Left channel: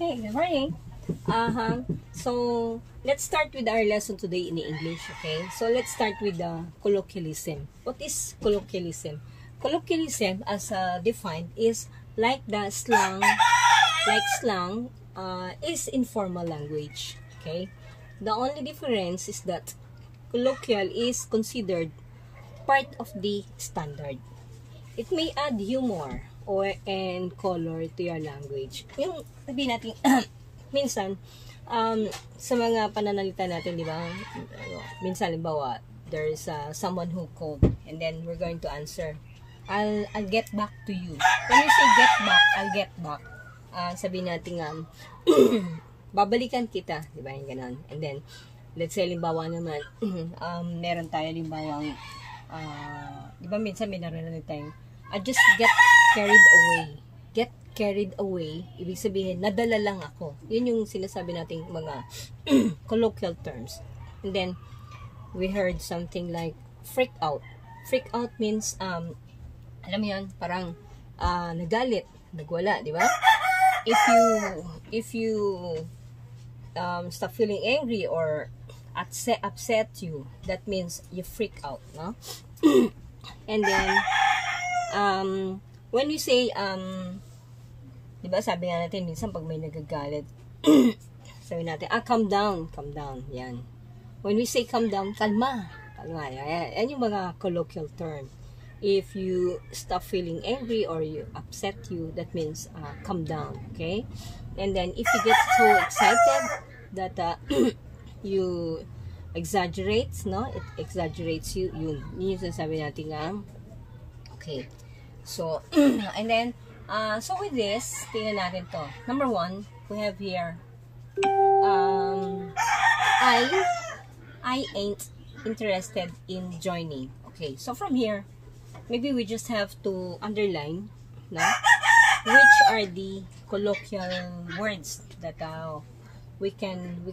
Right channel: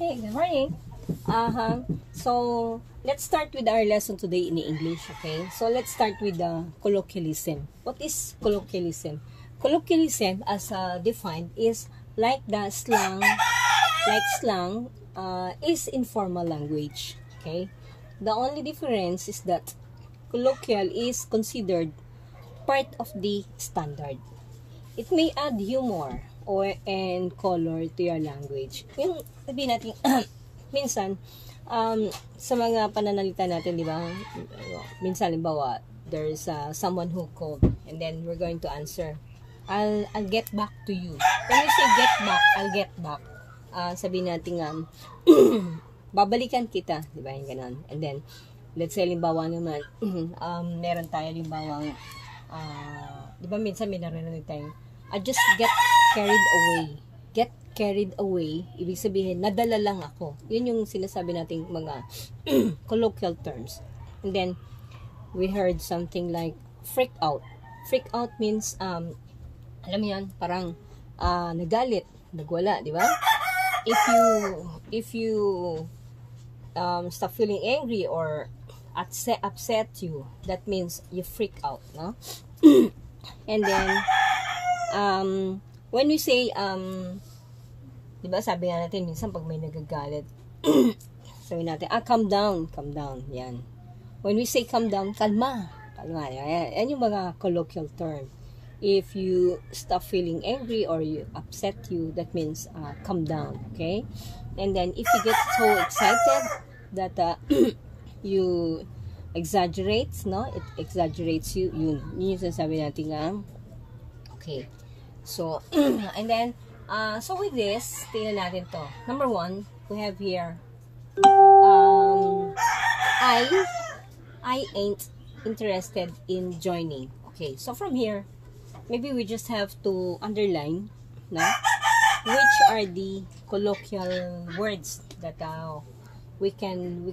Hey, good morning. So let's start with our lesson today in English. Okay, so let's start with the colloquialism. What is colloquialism? Colloquialism, as defined, is like the slang. Is informal language. Okay, the only difference is that colloquial is considered part of the standard. It may add humor and color to your language. Yung sabihin natin, minsan, sa mga pananalita natin, di ba? Minsan, limbawa, there's someone who called and then we're going to answer. I'll get back to you. When you say get back, I'll get back. Sabihin natin, babalikan kita. Di ba? Yung ganun. And then, let's say, limbawa naman, meron tayo, limbawa, di ba minsan may narinig tayo, I just get carried away. Get carried away, ibig sabihin, nadala lang ako. Yun yung sinasabi nating mga colloquial terms. And then, we heard something like freak out. Freak out means, alam mo yan, parang nagalit, nagwala, di ba? If you stop feeling angry or upset you, that means you freak out, no? And then, when we say, diba sabi nga natin, minsan pag may nagagalit, sabi natin, calm down, yan. When we say calm down, kalma, yan yung mga colloquial term. If you stop feeling angry or you upset you, that means, calm down, okay? And then, if you get so excited that, you exaggerate, no? It exaggerates you, yun yung sabi natin nga, okay. So, and then, so with this, tingnan natin to. Number one, we have here, I ain't interested in joining. Okay, so from here, maybe we just have to underline, no? Which are the colloquial words that we can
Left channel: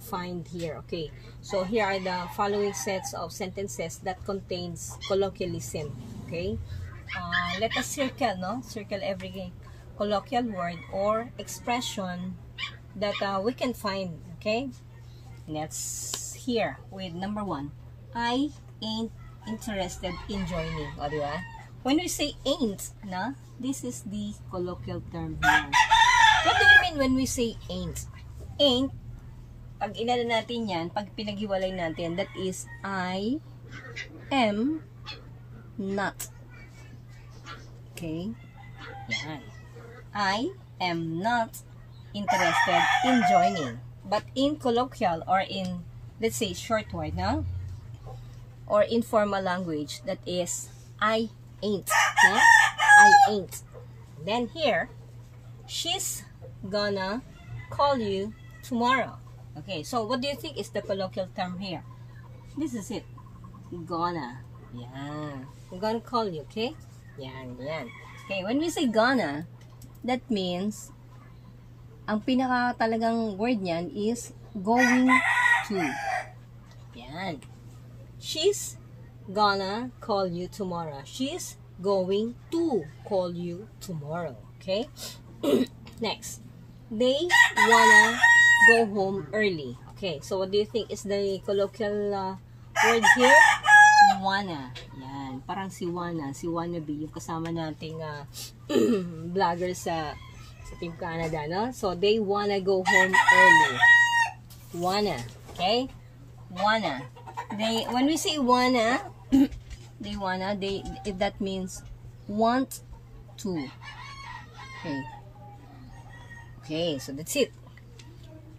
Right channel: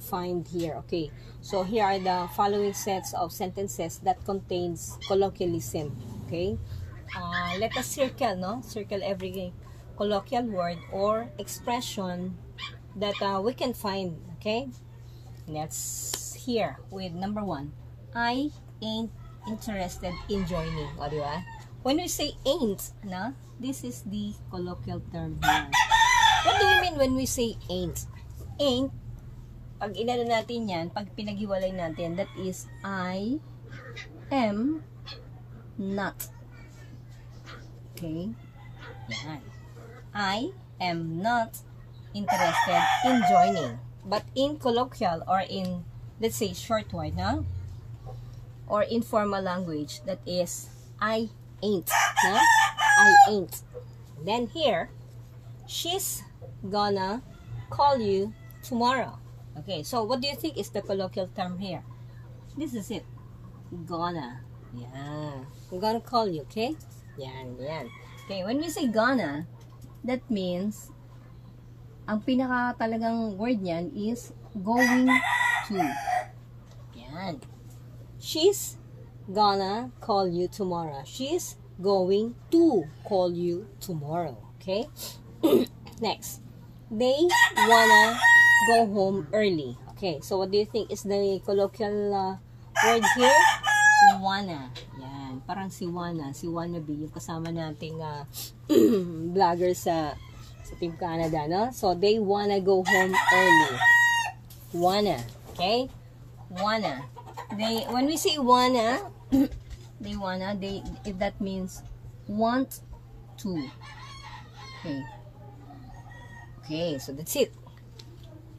find here. Okay, so here are the following sets of sentences that contains colloquialism. Okay, let us circle, no? Circle every colloquial word or expression that we can find. Okay, let's here with number one. I ain't interested in joining. O, diba? When we say ain't, no? This is the colloquial term here. What do we mean when we say ain't? Ain't, pag inano natin yan, pag pinaghiwalay natin, that is I am not. Okay? Yan. I am not interested in joining. But in colloquial or in, let's say, short word, no? Or informal language, that is I ain't. No? I ain't. Then here, she's gonna call you tomorrow. Okay, so what do you think is the colloquial term here? This is it. Gonna. Yeah. I'm gonna call you, okay? Yan. Okay, when we say gonna, that means, ang pinaka talagang word niyan is going to. Yan. She's gonna call you tomorrow. She's going to call you tomorrow. Okay? Next. They wanna go home early. Okay, so what do you think is the colloquial word here? Wanna. Yan. Parang si wannabe, yung kasama nating vlogger sa Team Canada, no? So, they wanna go home early. Wanna. Okay? Wanna. When we say wanna, that means want to. Okay. Okay, so that's it.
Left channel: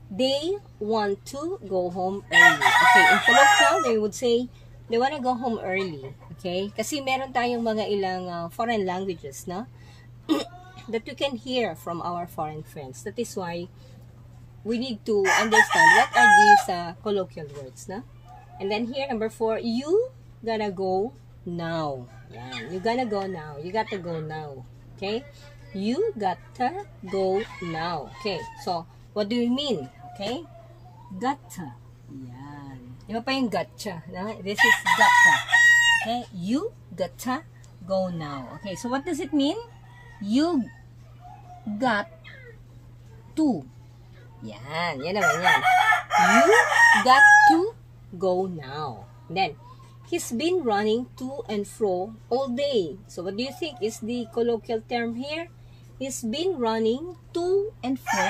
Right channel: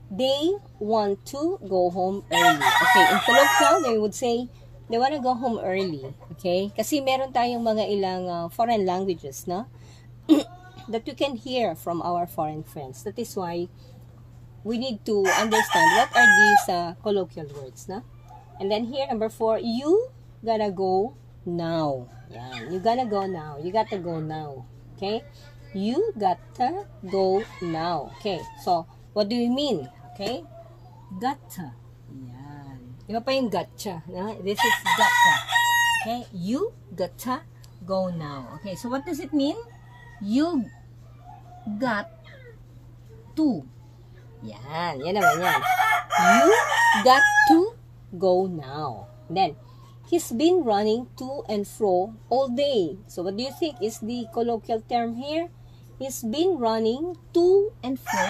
They want to go home early. Okay, in colloquial, they would say, they want to go home early. Okay? Kasi meron tayong mga ilang foreign languages, no? That we can hear from our foreign friends. That is why we need to understand what are these colloquial words, no? And then here, number 4, you gotta go now. Yan. You gotta go now. You gotta go now. Okay? You gotta go now. Okay, so, what do you mean? Okay? Gotta. Yan. Iba pa yung gotcha. No? This is gotta. Okay? You gotta go now. Okay, so what does it mean? You got to. Yan naman yan. You got to go now. Then, he's been running to and fro all day. So, what do you think is the colloquial term here? He's been running to and fro.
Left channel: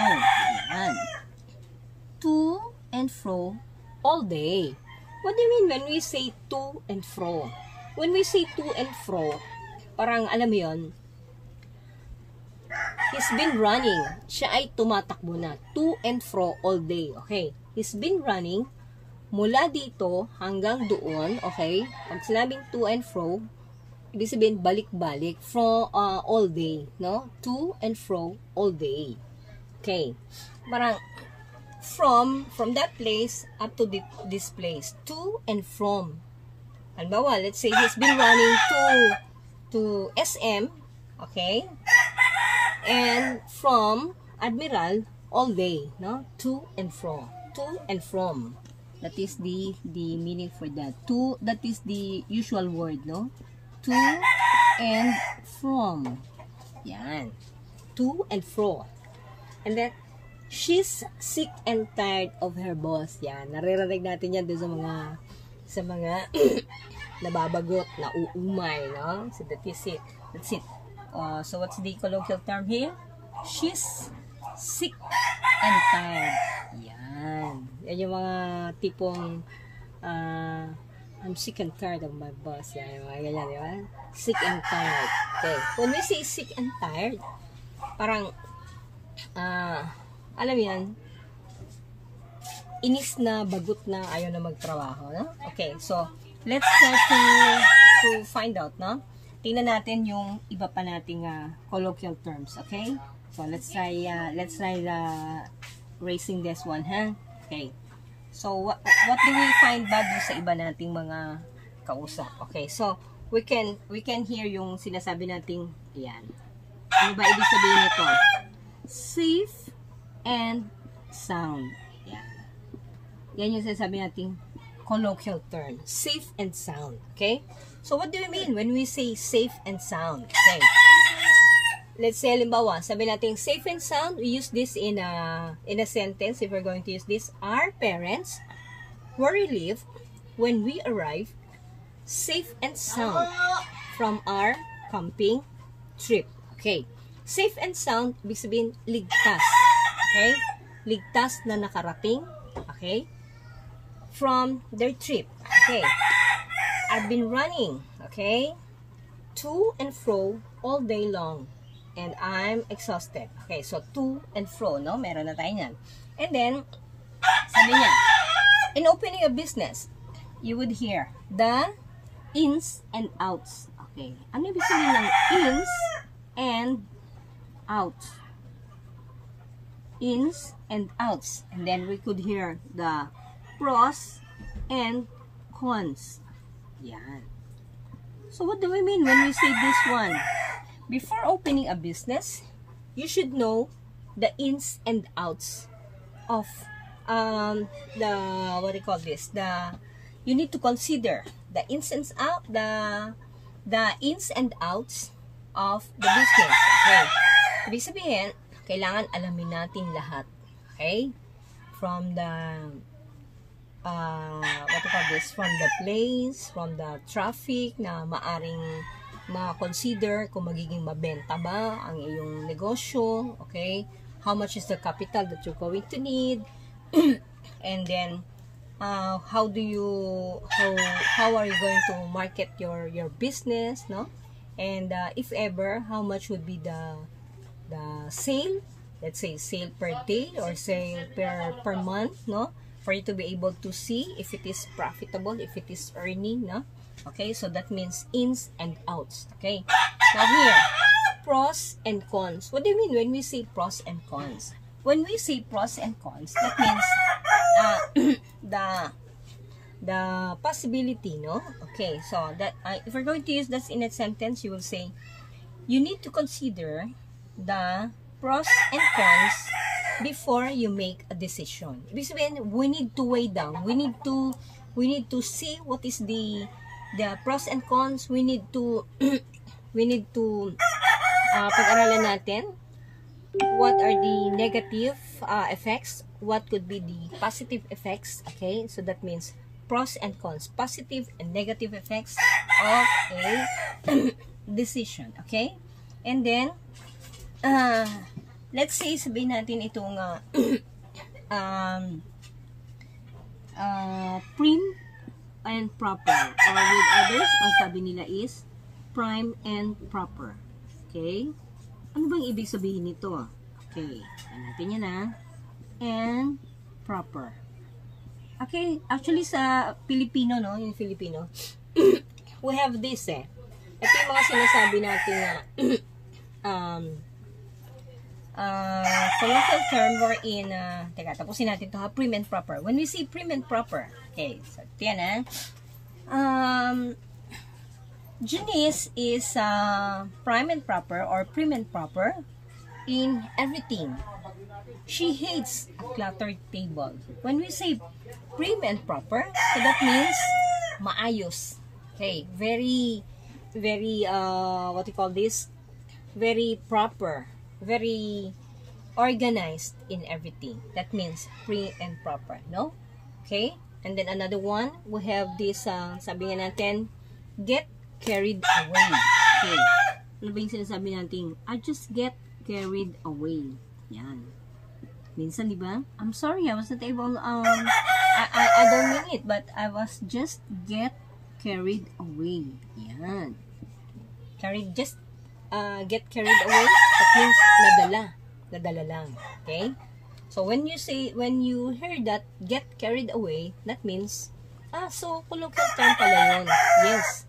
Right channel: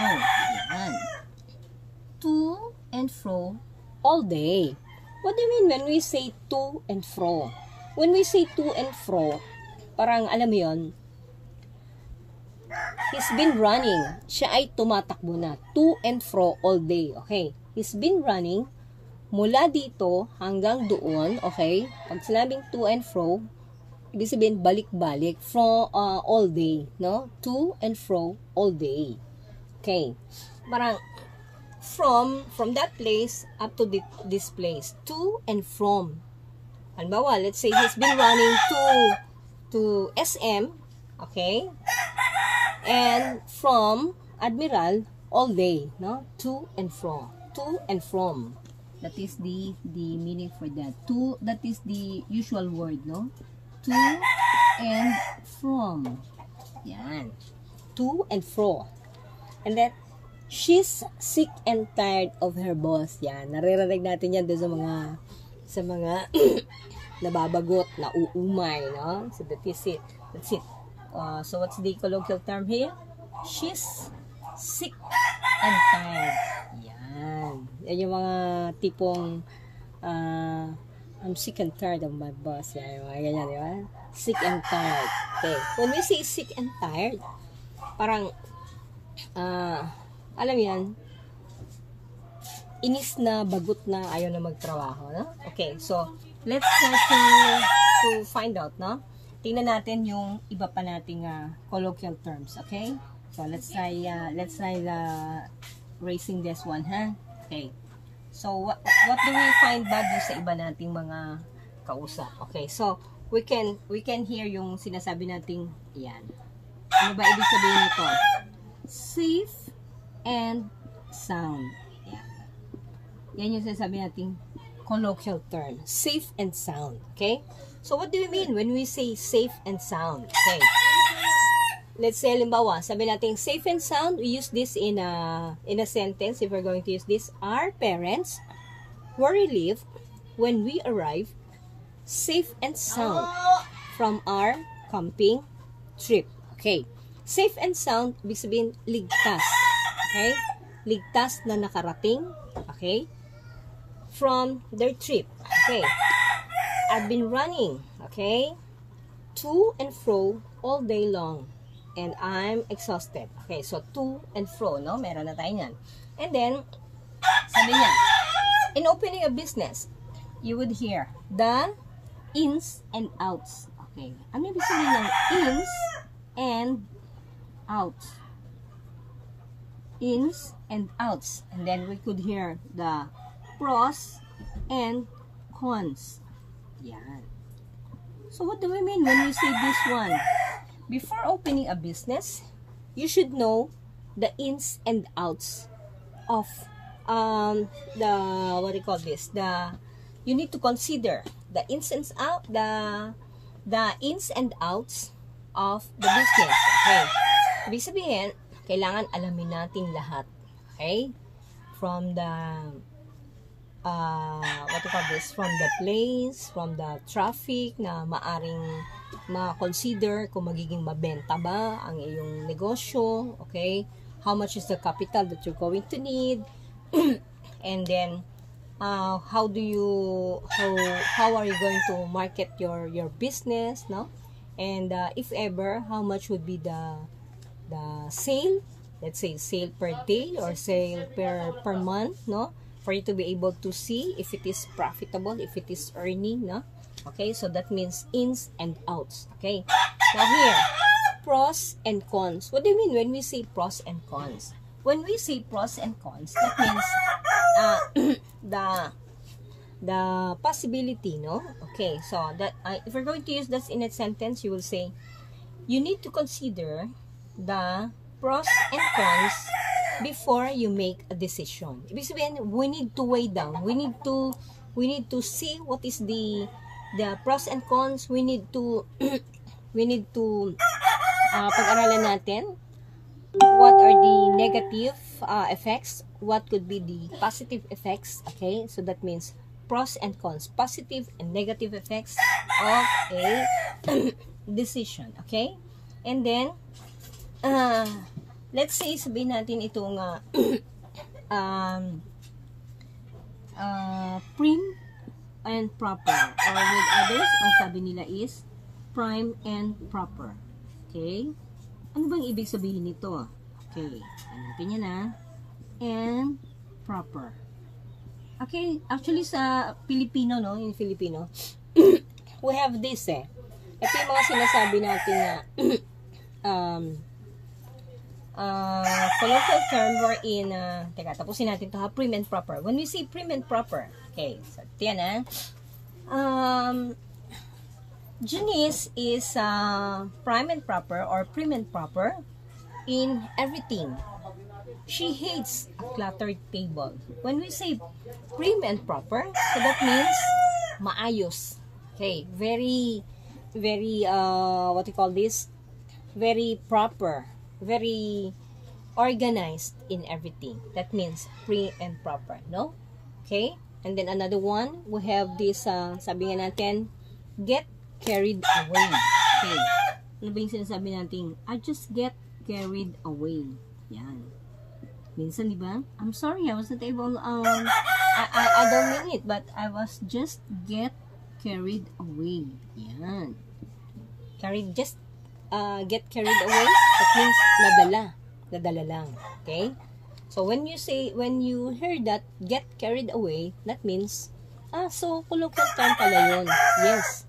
Yan. To and fro all day. What do you mean when we say to and fro? When we say to and fro, parang alam mo yun, he's been running. Siya ay tumatakbo na. To and fro all day. Okay? He's been running mula dito hanggang doon. Okay? Pag sinabing to and fro, ibig sabihin balik-balik from all day. No? To and fro all day. Okay? Parang from that place up to this place. To and from. Halimbawa, let's say he's been running to SM, okay? And from Admiral all day, no? To and from. To and from. That is the meaning for that. To, that is the usual word, no? To and from. Yan. To and fro. And then, she's sick and tired of her boss. Yan. Naririnig natin yan doon sa mga nababagot, nauumay, no? So that is it. That's it. So what's the colloquial term here? She's sick and tired. Yan. Yan yung mga tipong I'm sick and tired of my boss. Yan, mga ganyan, di ba? Sick and tired. Okay. When we say sick and tired, parang alam yan, inis na, bagot na, ayaw na magtrabaho, no? Okay, so let's try to find out, no? Tingnan natin yung iba pa nating colloquial terms, okay? So let's try raising this one, ha? Okay. So what do we find bad sa iba nating mga kausap? Okay, so we can hear yung sinasabi nating yan. Ano ba ibig sabihin nito? Safe and sound. Yan yung sinasabi nating colloquial term. Safe and sound. Okay? So, what do we mean when we say safe and sound? Okay. Let's say, halimbawa, sabi natin safe and sound. We use this in a sentence. If we're going to use this, our parents were relieved when we arrived safe and sound from our camping trip. Okay. Safe and sound, ibig sabihin, ligtas. Okay? Ligtas na nakarating. Okay? From their trip. Okay. I've been running, okay, to and fro all day long. And I'm exhausted. Okay, so to and fro, no? Meron na tayo yan. And then, sabi niya, in opening a business, you would hear the ins and outs. Okay. Ano ibig sabihin ng ins and outs? Ins and outs. And then we could hear the pros and cons. Yan. So what do we mean when we say this one? Before opening a business, you should know the ins and outs of the what do you call this? You need to consider the ins and out the ins and outs of the business. Okay. Ibig sabihin, kailangan alamin natin lahat. Okay? From the what do you call this? From the place, from the traffic na maaring ma-consider kung magiging mabenta ba ang iyong negosyo. Okay? How much is the capital that you're going to need? And then how are you going to market your business, no? And if ever, how much would be the sale? Let's say sale per day or sale per month, no? For you to be able to see if it is profitable, if it is earning, no? Okay, so that means ins and outs. Okay, now here, pros and cons. What do you mean when we say pros and cons? When we say pros and cons, that means the possibility, no? Okay, so that if we're going to use this in a sentence, you will say, you need to consider the pros and cons before you make a decision. Ibig sabihin, we need to weigh down. We need to see what is the pros and cons. We need to pag-aralan natin what are the negative effects, what could be the positive effects. Okay, so that means pros and cons, positive and negative effects of a decision. Okay, and then let's say sabihin natin itong prim and proper, or with others ang sabi nila is prime and proper. Okay, ano bang ibig sabihin nito? Okay, natin yan and proper. Okay, actually sa Filipino, no, yung Filipino, we have this ito yung mga sinasabi natin colloquial term wherein, teka, tapusin natin to prim and proper. When we say prim and proper, okay, so yan Janice is prime and proper or prim and proper in everything. She hates a cluttered table. When we say prim and proper, so that means maayos. Okay, very what you call this? Very proper, very organized in everything. That means prim and proper, no? Okay? And then another one, we have this sabi nga natin, get carried away. Okay. Ano ba yung sinasabi natin? I just get carried away. Yan. Minsan, di ba? I'm sorry, I was not able, I don't mean it, but I was just get carried away. Yan. Get carried away, that means nadala lang. Okay? So, when you hear that, get carried away, that means, so, colloquial term pala yun. Yes.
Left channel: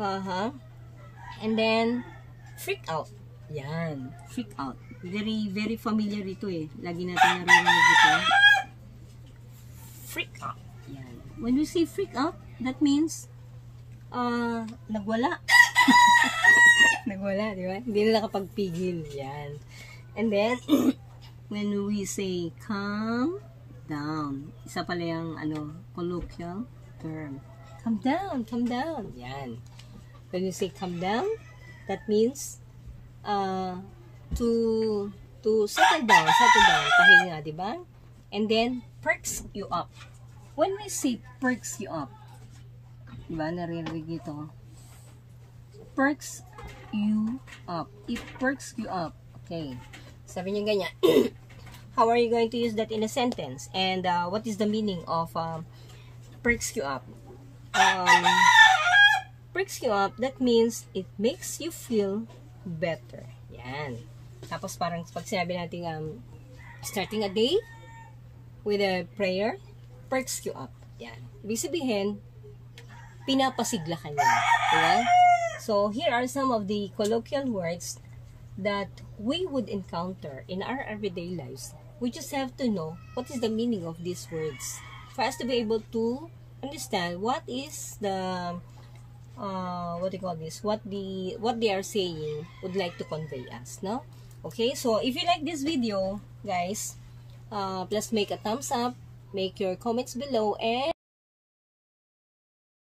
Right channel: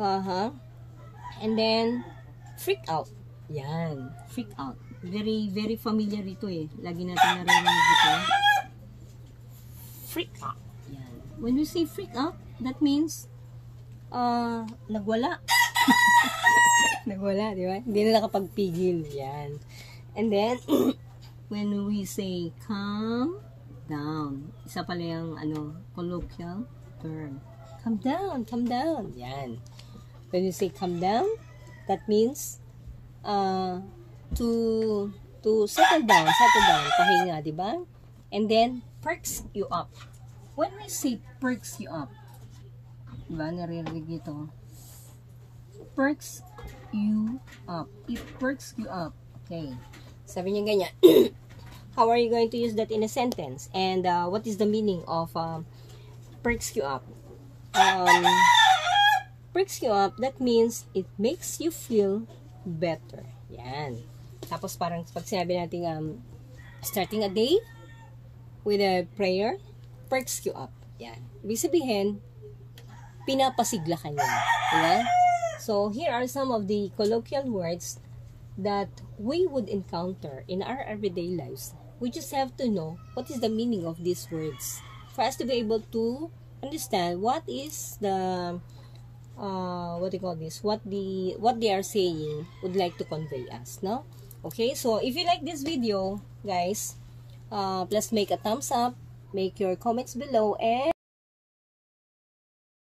And then, freak out. Yan. Freak out. Very familiar ito Lagi natin narinig ito. Freak out. Yan. When we say freak out, that means, nagwala. Nagwala, di ba? Hindi na nakapagpigil. Yan. And then, when we say calm down, isa pala yung, colloquial term. Calm down, calm down. Yan. When you say calm down, that means to settle down, pahinga, di ba? And then perks you up. When we say perks you up, di ba? Naririnig ito. Perks you up. It perks you up. Okay. Sabi niya ganyan. How are you going to use that in a sentence? And what is the meaning of perks you up? Perks you up, that means it makes you feel better. Yan. Tapos parang pag sinabi natin starting a day with a prayer, perks you up. Yan. Ibig sabihin, pinapasigla ka niya. Okay? So, here are some of the colloquial words that we would encounter in our everyday lives. We just have to know what is the meaning of these words for us to be able to understand what is the what do you call this, what they are saying would like to convey us, no? Okay, so if you like this video, guys, please make a thumbs up, make your comments below, and